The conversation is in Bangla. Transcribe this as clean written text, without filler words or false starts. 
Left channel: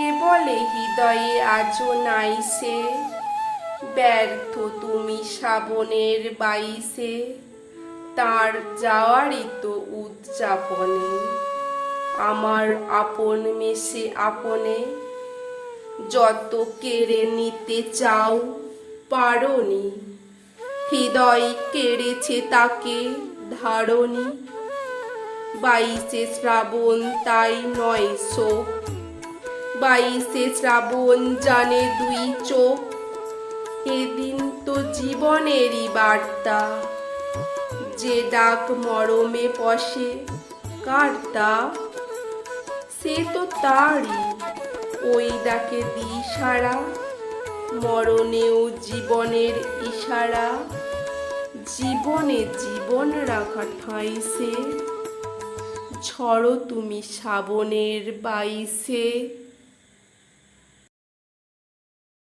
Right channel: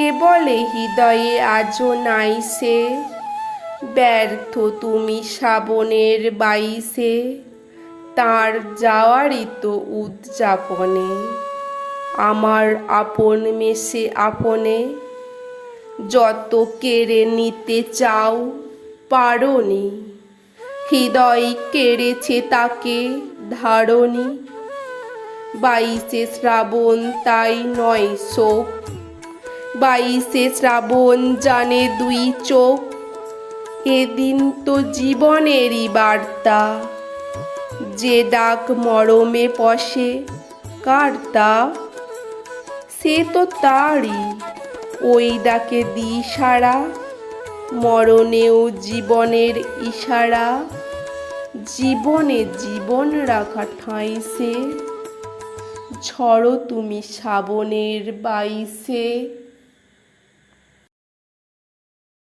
কে বলে হৃদয়ে আজও নাই সে, ব্যর্থ তুমি শ্রাবণের বাইশে, তার যাওয়ারই তো উদযাপনে। আমার আপন মেশে আপনে, যত কেড়ে নিতে চাও পারোনি, হৃদয় কেড়েছে তাকে ধারণী। বাইশে শ্রাবণ তাই নয় শোক, বাইশে শ্রাবণ জানে দুই চোখ, এদিন তো জীবনেরই বার্তা, যে ডাক মরমে পশে কার্তা, সে তো তারই ওই ডাকে দিই সাড়া, মরণেও জীবনের ইশারা, জীবনে জীবন রাখা ঠাঁই সে, ঝড়ো তুমি শ্রাবণের বাইশে।